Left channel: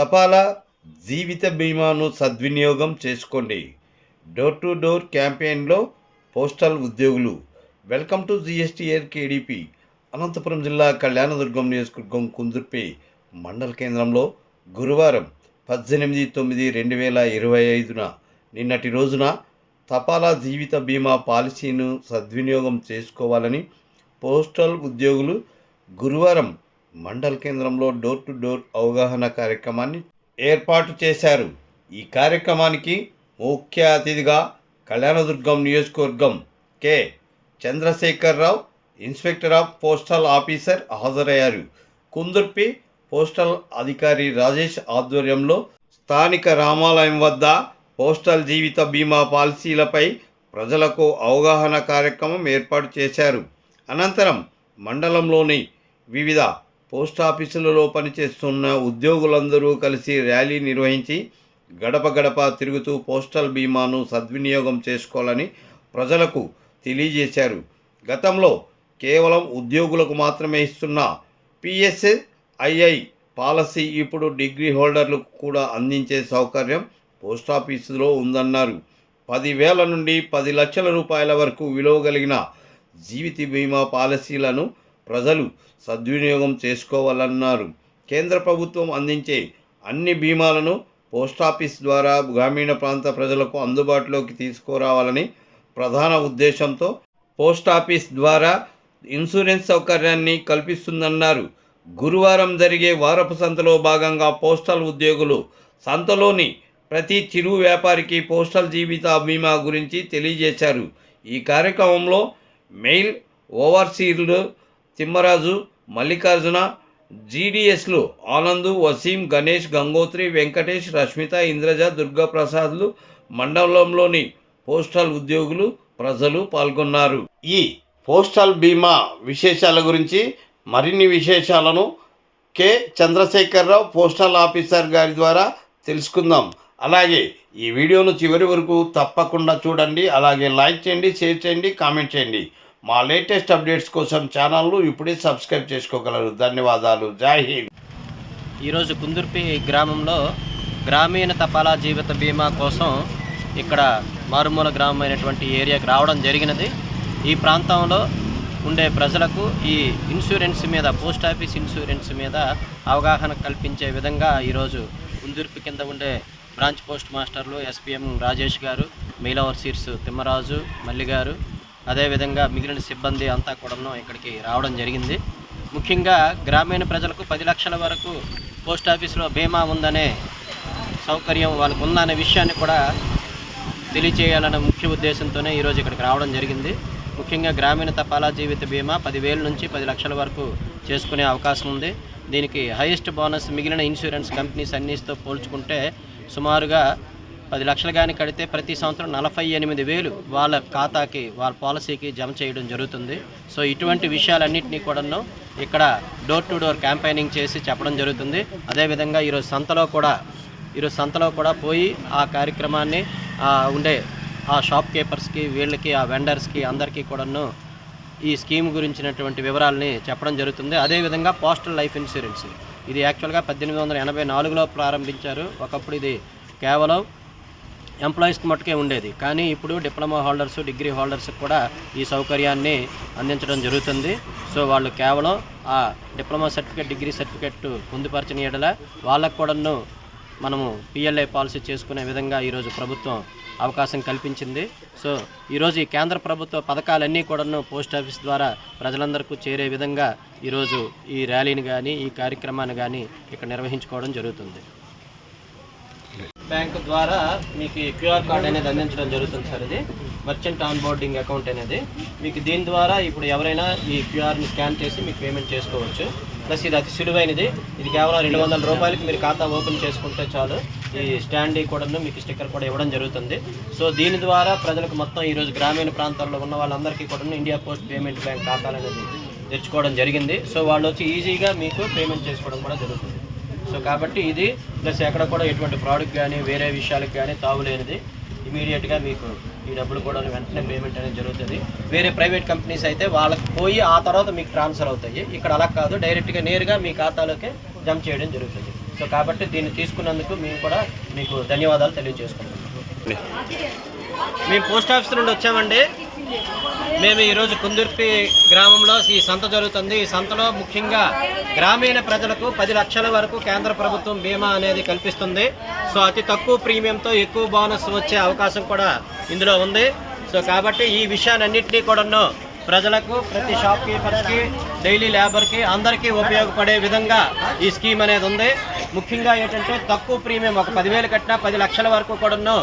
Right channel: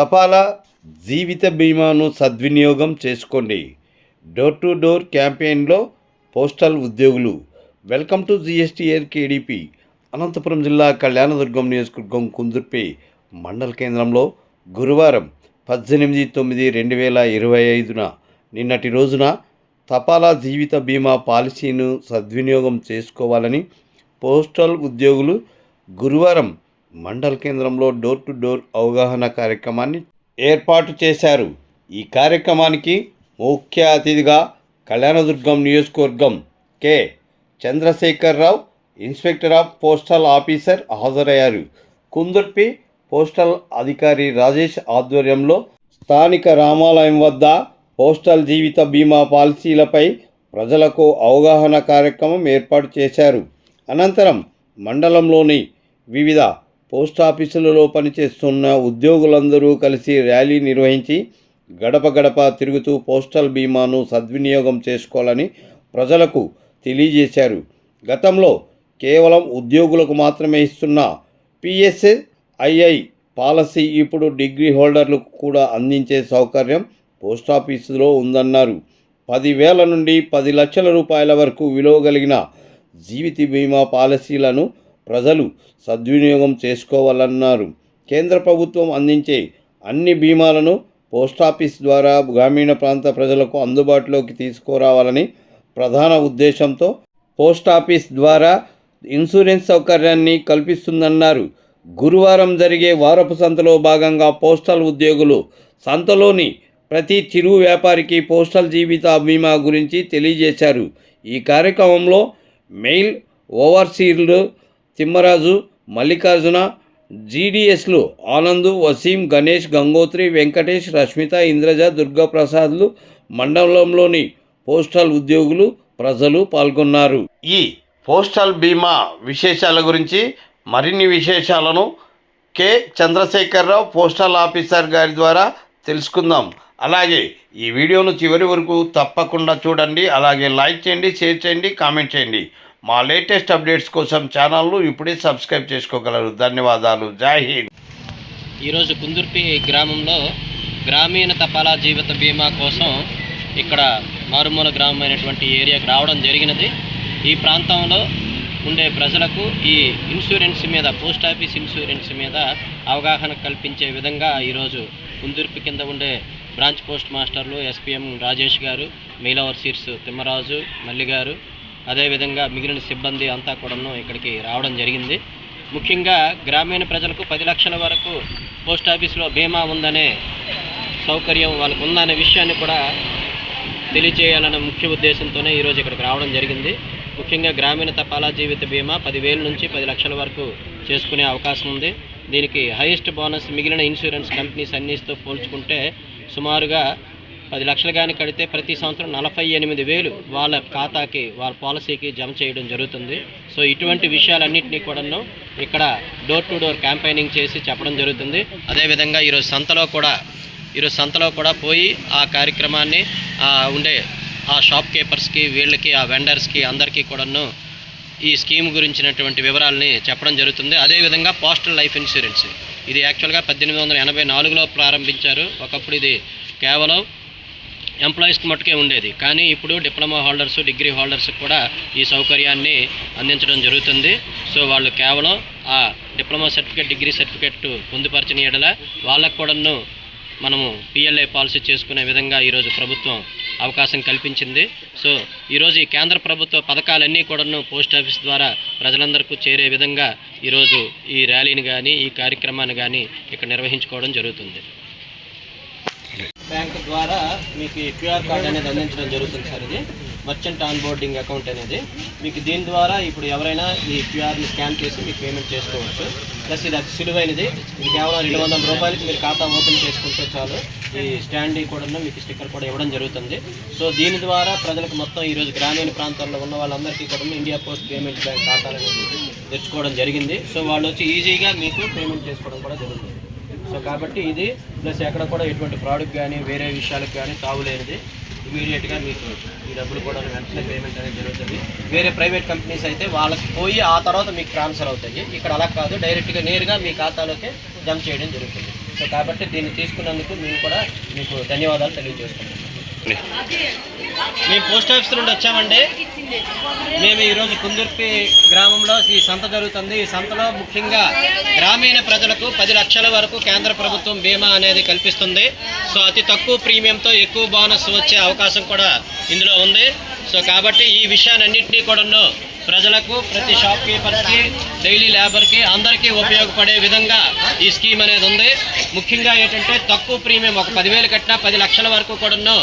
తపాలా జీవిత బీమాను సద్వినియోగం చేసుకోండి. డోర్ టు డోర్ క్యాంపెయిన్లో పోస్టల్ ఉద్యోగులు. Welcome to GSTR KDP Anantapuram జిల్లా కళ్యాణదుర్గం నియోజకవర్గం కుందుర్పే మండల కేంద్రంలో గురువారం పద్దెనిమిది తొమ్మిది రెండు వేల ఇరవై ఐదున నిన్నటి రోజున తపాలా జీవిత బీమా పాలసీను సద్వినియోగం చేసుకోవాలని పోస్టల్ ఉద్యోగులు గురువారం మండల కేంద్రంలో డోర్ టు డోర్ అవగాహన కార్యక్రమాన్ని ఏర్పాటు చేశారు. ఈ కార్యక్రమానికి ముఖ్య అతిథిగా కళ్యాణదుర్గం నియోజకవర్గం K. Chandrasekhara Rao inspector of postal officer హాజరయ్యారు. కుందుర్పి పోస్టల్ అధికారి రాజేష్ ఆధ్వర్యంలో స్థానిక రామాలయం వద్ద పోస్టల్ జీవిత బీమా పాలసీలపై ప్రజలకు అవగాహన కార్యక్రమం ఏర్పాటు చేశారు. అనంతరం మండలంలోని వివిధ పోస్టాఫీసులలో పనిచేస్తున్న ఉద్యోగులందరూ కలిసి ర్యాలీ నిర్వహించి గడప గడప తిరుగుతూ పోస్టల్ బీమాను సద్వినియోగం చేసుకోవాలని ప్రజలకు తెలియజేశారు. గతంలో కేవలం ఉద్యోగులకు మాత్రమే ఇస్తున్న పిఎస్ఐఐ పాలసీ ఇప్పుడు డిగ్రీ హోల్డర్లకు కూడా అందించే సౌకర్యం పోస్టాఫీసులో ఉందన్నారు. పదివేల నుండి పది లక్షల రూపాయల వరకు విలువ కలిగిన జీవిత బీమా పాలసీలను ప్రజలు సద్వినియోగం చేసుకోవాలన్నారు. కేంద్ర ప్రభుత్వం అందించే అన్ని బీమాలను పోస్టాఫీస్ ద్వారా గ్రామీణ ప్రాంత ప్రజలకు అందుబాటులోకి తీసుకురావాలని ప్రధాన ఉద్దేశంతో పోస్టాఫీస్ ద్వారా ఇన్సూరెన్స్ సౌకర్యాన్ని కల్పిస్తుందన్నారు. గురువారం జరిగే వారపు సంతలో భాగంగా పోస్టల్ ఉద్యోగులు సంతలోని ప్రతి చిరు వ్యాపారికి పోస్టల్ జీవిత బీమా గురించి తెలియజేశారు. ఈ కార్యక్రమంలో మెయిల్ ఓవర్సీర్లు తిమ్మరాజు మల్లికార్జున జీడిఎస్లు ఆనందు వసీం గణేష్ గంగోత్రి వెంకటేష్ రష్మిత ఇంద్రజ దుర్గాప్రసాద్లు మండలంలోని పోస్టల్ ఉద్యోగులు ప్రజలు పాల్గొన్నారు. ఈ పోస్టల్ బీమా విశేషాల గురించి మరిన్ని విశేషాలను కె. చంద్రశేఖరరావు పోస్టల్ ఆఫీసర్ గారి ద్వారా తెలుసుకుందాం. అలాగే ఈ వీడియోను చివరి వరకు తప్పకుండా చూడండి. అలాగే లైక్ చేయండి షేర్ చేయండి కామెంట్ చేయండి. మా లేటెస్ట్ అప్డేట్స్ కోసం ఛానల్ను ఇప్పుడే సబ్స్క్రైబ్ చేసుకోగలరు. ధన్యవాదాలు. జై హింద్. ఈరోజు కుందుర్పి గ్రామంలో గ్రామీణ తపాలా జీవిత బీమా కోసం ఇక్కడ మారుమూల గ్రామం అయినటువంటి ఏరియాకి రావడం జరిగినది. ఈ ప్రాంతంలో ఉండే ప్రజలకు ఈ ఇన్సూరెన్స్ మీద పోస్ట్ ఆఫీస్ ఇన్సూరెన్స్ మీద అవగాహన కల్పించే విధంగా ఈరోజు కుందుర్పి కింద ఉండే బ్రాంచ్ పోస్ట్ మాస్టర్లు ఎస్పీఎం రాజేష్ గారు మెయిల్ ఓవర్సీర్స్ తిమ్మరాజు మల్లి గారు అదేవిధంగా మిగిలిన సిబ్బంది అంతా కూడాను ఇక్కడికి రావడం జరిగింది. ముఖ్యంగా గ్రామీణ ప్రజలకు పది లక్షల వరకు పోస్ట్ ఆఫీస్లో బీమా ఉందనే సౌకర్యం వాళ్ళకు ఉందనే విషయాన్ని కూడా తెలియచేయాలన్న ముఖ్య ఉద్దేశంతోనే ఈరోజు ఇక్కడికి రావడం జరిగింది. ముఖ్యంగా గ్రామీణ తపాలా జీవిత బీమా పదివేల నుంచి పది లక్షల వరకు చేసుకునే అవకాశం ఉంది. దీనికి హైయెస్ట్ బోనస్ మిగిలిన ఇన్సూరెన్స్ కంపెనీస్ అన్నిటితో పోల్చుకుంటే సుమారుగా పది లక్షలు కానీ కడితే ప్రతి సంవత్సరం నలభై ఎనిమిది వేలు వాళ్ళ ఖాతాకి వాళ్ళ పాలసీకి జమ చేయడం జరుగుతుంది. సో ఇటువంటి విషయాలన్నింటినీ కూడాను ఇక్కడ డోర్ టు డోర్ క్యాంపెయినింగ్ చేసి చెప్పడం జరుగుతుంది. అదేవిధంగా ఈరోజు సంతలో కూడా ఈరోజు సంతలో కూడా పోయి ఆ కార్యక్రమాన్ని ఉండే ఆ షాప్ కీపర్స్కి వీళ్ళకి ఆ వెండర్స్కి అందరికీ కూడాను ఈ స్కీమ్ గురించినటువంటి వివరాలని చెప్పడం జరుగుతుంది. అదేవిధంగా పోస్టల్ లైఫ్ ఇన్సూరెన్స్. ఇది యాక్చువల్గా పద్దెనిమిది వందల ఎనభై నాలుగులో ప్రారంభించారు. ఒకప్పుడు ఇది కేవలం ఎంప్లాయీస్కి మట్టుకే ఉండేది. కానీ ఇప్పుడు డిప్లొమా హోల్డర్స్ డిగ్రీ హోల్డర్స్కి కూడా ఈ సౌకర్యాన్ని అందించడం జరుగుతుంది. సో వాళ్ళు కేవలం ఆ డిప్లొమా సర్టిఫికేట్ డిగ్రీ సర్టిఫికేట్ పొందుపరచిన ఎడల వాళ్ళకు కూడాను మనము పిఎల్ఐ పాలసీ చేసుకునే విధంగా ఈరోజు ప్రభుత్వం అవకాశం కల్పించింది. సో ఈరోజు ఈ కేంద్ర ప్రభుత్వ పథకాలన్నీ కూడాను పోస్ట్ ఆఫీస్ ద్వారా ప్రజలందరికీ చేరే విధంగా ఈరోజు ఈ ర్యాలీని కానీ ఈ కార్యక్రమాన్ని కానీ ఇక్కడ నిర్వహించుకోవడం జరుగుతుంది. బ్యాంక్ ద్వారా మీకు క్యూఆర్ కార్డ్ అనేది అందించడం జరుగుతుంది సార్ ఇది. మర్చెంట్ ఆన్ బోర్డింగ్ అకౌంట్ అనేది. మీకు దీని ద్వారా ఇప్పుడు ఎవరైనా ఈ క్యూఆర్ని స్కాన్ చేసి మీకు పేమెంట్ చేసుకోవచ్చు. ప్లస్ ఇది అతి సులువైనది. ఇది కేవలం రెండు వందల రూపాయలకి మీరు ఖాతా ఓపెన్ చేసుకుంటే చాలు. ఈ స్టాండ్ కూడా మీకు స్టిక్కర్ కూడా ఇవ్వడం జరుగుతుంది. సో దీని ద్వారా ప్రజలకు మొత్తం ఈరోజు గ్రామీణ ప్రాంతాల్లో ఉన్న వాళ్ళందరికీ కూడా ఇండియా పోస్ట్ పేమెంట్ బ్యాంక్ ఖాతాలు అనేది తెచ్చుకోవడం జరిగింది. సో వాళ్ళు వచ్చి ఈజీగా మీకు పేమెంట్ చేసుకోవడం కూడా జరుగుతుంది. సో కాబట్టి ఇది ప్లస్ ఎక్కడ కూడా ఎటువంటి ఫ్రాడ్కి కానీ వేరే విషయాలకు కానీ తావులేనిది ఇమీడియట్గా మీకు ఈ డబ్బులు కూడా వెంటనే పేమెంట్ అనేది జరుగుతుంది. వేరే ప్రైవేట్ కంపెనీస్ అయితే వాళ్ళకి పోయి ఆ తర్వాత మీకు ట్రాన్స్ఫర్ అవుతాయి. ఇక్కడ అలా కాదు డైరెక్ట్గా నేరుగా మీ ఖాతాలోకి జమ చేయడం జరుగుతుంది. సో కాబట్టి దీన్ని తీసుకున్నందుకు మేము కూడా మీకు ధన్యవాదాలు తెలియజేసుకుంటున్నాం. మేము పోస్ట్ ఆఫీస్ నుండి వచ్చామండి. మేము ఈరోజు కుందుర్పి గ్రామంలో ఈ సంత జరుగుతుంది. ఈ సంతలో ముఖ్యంగా గ్రామీణ ప్రజలకు పది లక్షల వరకు కేంద్ర ప్రభుత్వం బీమా అనేది కల్పిస్తుంది. సో అతి తక్కువ ప్రీమియంతో ఎక్కువ బోనస్ వచ్చే అవకాశం కూడా ఇందులో ఉంది. సో కాబట్టి ఈ విషయాన్నింటినీ కూడాను ప్రజలకు ప్రతి షాప్ కీపర్స్కి డైలీ లేబర్కి అందరికీ ఉపయోగపడే విధంగా ఈ స్కీమ్ అనేది ఉంది. ముఖ్యంగా ఏంటంటే తక్కువ ప్రీమియం ఒక పదివేలు కట్టినా పది లక్షల వరకు కూడాను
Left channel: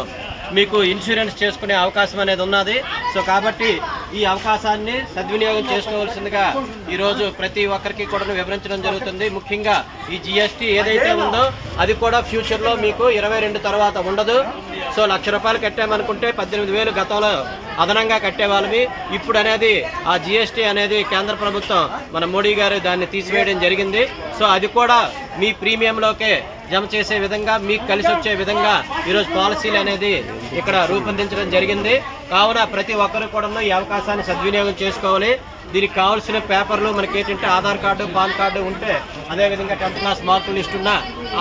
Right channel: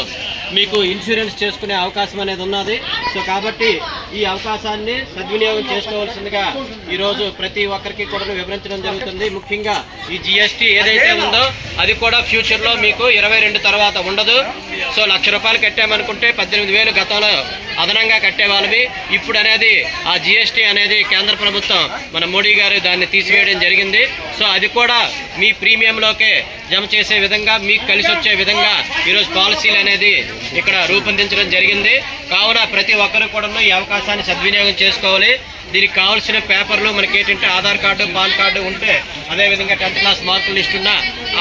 మీకు ఇన్సూరెన్స్ చేసుకునే అవకాశం అనేది ఉన్నది. సో కాబట్టి ఈ అవకాశాన్ని సద్వినియోగం చేసుకోవాల్సిందిగా ఈరోజు ప్రతి ఒక్కరికి కూడా వివరించడం జరుగుతుంది. ముఖ్యంగా ఈ జిఎస్టీ ఏదైతే ఉందో అది కూడా ఫ్యూచర్లో మీకు ఇరవై రెండు తర్వాత ఉండదు. సో లక్ష రూపాయలు కట్టామనుకుంటే పద్దెనిమిది వేలు గతంలో అదనంగా కట్టేవాళ్ళవి. ఇప్పుడు అనేది ఆ జిఎస్టీ అనేది కేంద్ర ప్రభుత్వం మన మోడీ గారు దాన్ని తీసివేయడం జరిగింది. సో అది కూడా మీ ప్రీమియంలోకే జమ చేసే విధంగా మీకు కలిసి వచ్చే విధంగా ఈరోజు పాలసీలు అనేది ఇక్కడ రూపొందించడం జరిగింది. కావున ప్రతి ఒక్కరు కూడా ఈ అవకాశాన్ని సద్వినియోగం చేసుకోవాలి. దీనికి కావాల్సిన పేపర్లు మనకి ఏంటంటే ఆధార్ కార్డు పాన్ కార్డు ఉంటే అదేవిధంగా టెన్త్ క్లాస్ మార్కుల లిస్ట్ ఉన్నా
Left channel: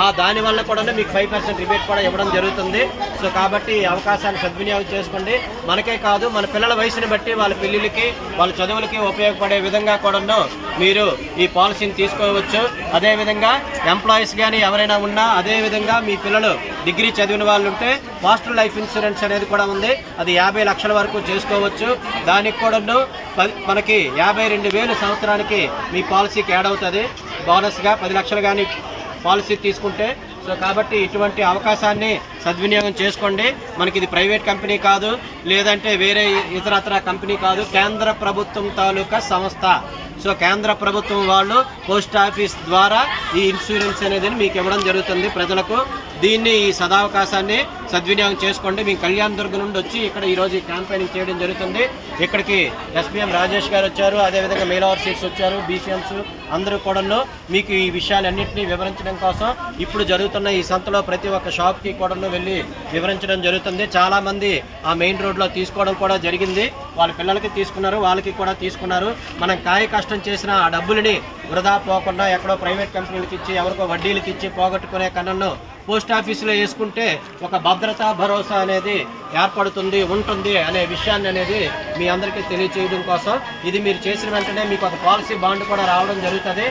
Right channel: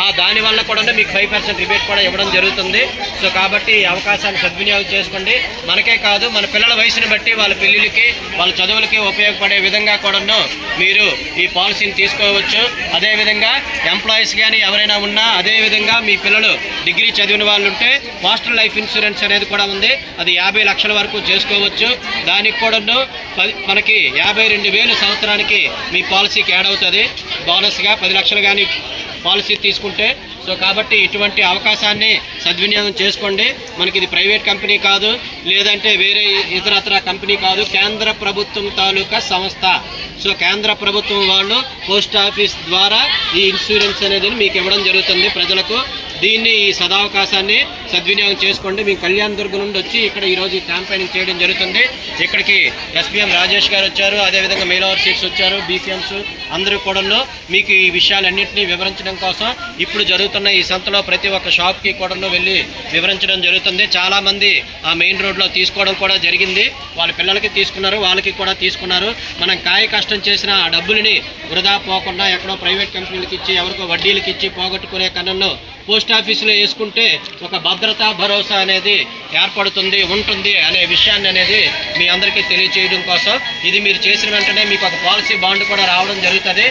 ఆ దాని వల్ల కూడా మీకు ఫైవ్ పర్సెంట్ రిబేట్ కూడా ఇవ్వడం జరుగుతుంది. సో కాబట్టి ఈ అవకాశాన్ని సద్వినియోగం చేసుకోండి. మనకే కాదు మన పిల్లల వయసుని బట్టి వాళ్ళ పెళ్ళిళ్ళకి వాళ్ళ చదువులకి ఉపయోగపడే విధంగా కూడాను మీరు ఈ పాలసీని తీసుకోవచ్చు. అదేవిధంగా ఎంప్లాయీస్ కానీ ఎవరైనా ఉన్నా అదేవిధంగా మీ పిల్లలు డిగ్రీ చదివిన వాళ్ళు ఉంటే పోస్టల్ లైఫ్ ఇన్సూరెన్స్ అనేది కూడా ఉంది. అది యాభై లక్షల వరకు చేసుకోవచ్చు. దానికి కూడాను మనకి యాభై రెండు వేలు సంవత్సరానికి మీ పాలసీకి యాడ్ అవుతుంది. బోనస్గా పది లక్షలు కానీ పాలసీ తీసుకుంటే సో కాబట్టి ఇటువంటి అవకాశాన్ని సద్వినియోగం చేసుకోండి. మనకి ఇది ప్రైవేట్ కంపెనీ కాదు లేదంటే వేరే ఇతరత్ర కంపెనీ కాదు కేంద్ర ప్రభుత్వం తాలూకా సంస్థ. సో కేంద్ర ప్రభుత్వం వాళ్ళు పోస్ట్ ఆఫీస్ ద్వారా ఈ ఇన్సూరెన్స్ అనేది మీకు ఇవ్వడం జరుగుతుంది ప్రజలకు. దీన్ని ఈ సదావకాశాన్ని సద్వినియోగం చేసుకోండి. మేము కళ్యాణ్ దుర్గ్ నుండి వచ్చి ఇక్కడ ఈరోజు ఈ క్యాంపెయినింగ్ చేయడం జరుగుతుంది. ఇక్కడికి ఎస్పీఎం రాజేష్ గారు వచ్చారు. అదేవిధంగా మేలవర్ సీట్స్ వచ్చారు. బీసీఎంస్ అందరూ కూడాను మీకు ఈ విషయాలన్నింటినీ వివరించడం కోసం ఇప్పుడు జరుగుతున్న ఈ సంతలో ప్రతి ఒక్క షాప్కి కూడాను వెళ్ళి వివరించడం జరుగుతుంది. చాలామంది ఆ మెయిన్ రోడ్లో తీసుకోవడం కూడా జరిగింది. వాళ్ళ పిల్లలకి తీసుకున్నారు. వాళ్ళకి కూడా తీసుకున్నారు. మనం కాయ కష్టం చేసిన ఆ డబ్బులని వృధా పోకుండా ఎక్కడో ప్రైవేట్ కంపెనీలకు ఇచ్చి ఎవరికో వడ్డీలకి ఇచ్చి పోగొట్టుకునే కన్నను పోస్ట్ ఆఫీసులో వేసుకుంటే ఒక భద్రతా భరోసా అనేది ఏర్పడుతుంది ఉంటుంది అనే విషయాన్ని అనేది మీ అందరికీ తెలియచేయడం కోసం. ఇది మీరు చేసిన వెంటనే మీకు ఒక పాలసీ బాండ్ కూడా రావడం జరుగుతుంది.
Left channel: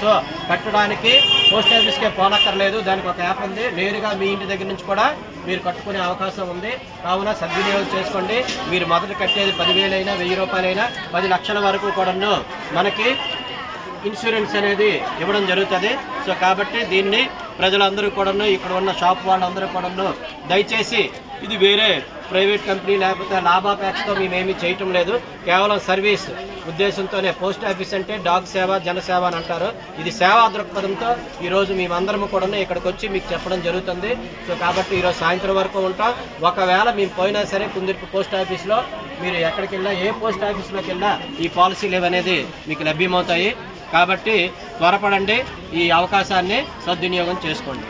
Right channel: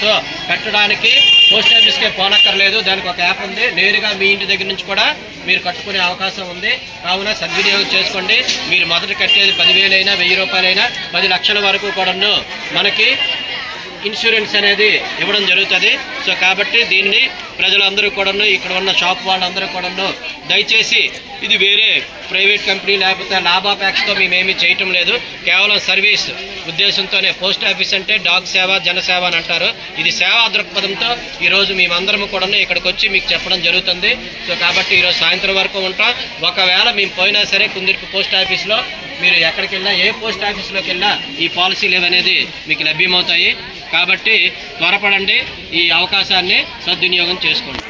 సో కట్టడానికి పోస్ట్ ఆఫీస్కే పోనక్కర్లేదు దానికి ఒక యాప్ ఉంది. నేరుగా మీ ఇంటి దగ్గర నుంచి కూడా మీరు కట్టుకునే అవకాశం ఉంది. కావున సద్వినియోగం చేసుకోండి. మీరు మొదట కట్టేది పదివేలైనా వెయ్యి రూపాయలైనా పది లక్షల వరకు కూడాను మనకి ఇన్సూరెన్స్ అనేది ఇవ్వడం జరుగుతుంది. సో కాబట్టి దీన్ని ప్రజలందరూ కూడాను ఇక్కడ ఉన్న షాప్ వాళ్ళందరూ కూడాను దయచేసి ఇది వేరే ప్రైవేట్ కంపెనీ లేకపోతే లాభాపేక్షతో మేమేమీ చేయటం లేదు. కేవలం సర్వీస్ ఉద్దేశంతోనే పోస్ట్ ఆఫీస్ అంటే డాగ్ సేవ జనసేవ అని అంటారు. ఇది సేవా దృక్పథంతో ఈరోజు మేమందరం కూడాను ఇక్కడికి వచ్చి మీకు చెప్పడం జరుగుతుంది. సో కాబట్టి ఈరోజు సాయంత్రం వరకు ఉంటాం. ఒకవేళ మేము పోయినా సరే కుందిర్పు పోస్ట్ ఆఫీస్లో మీరు ఎక్కడికి వెళ్ళినా ఏ పోస్ట్ ఆఫీస్లోకి వెళ్ళినా ఈ పాలసీలు ఇవనేది మీకు లభ్యమవుతాయి. కాబట్టి త్వరపడండి ఈ అవకాశాన్ని సద్వినియోగం చేసుకోండి.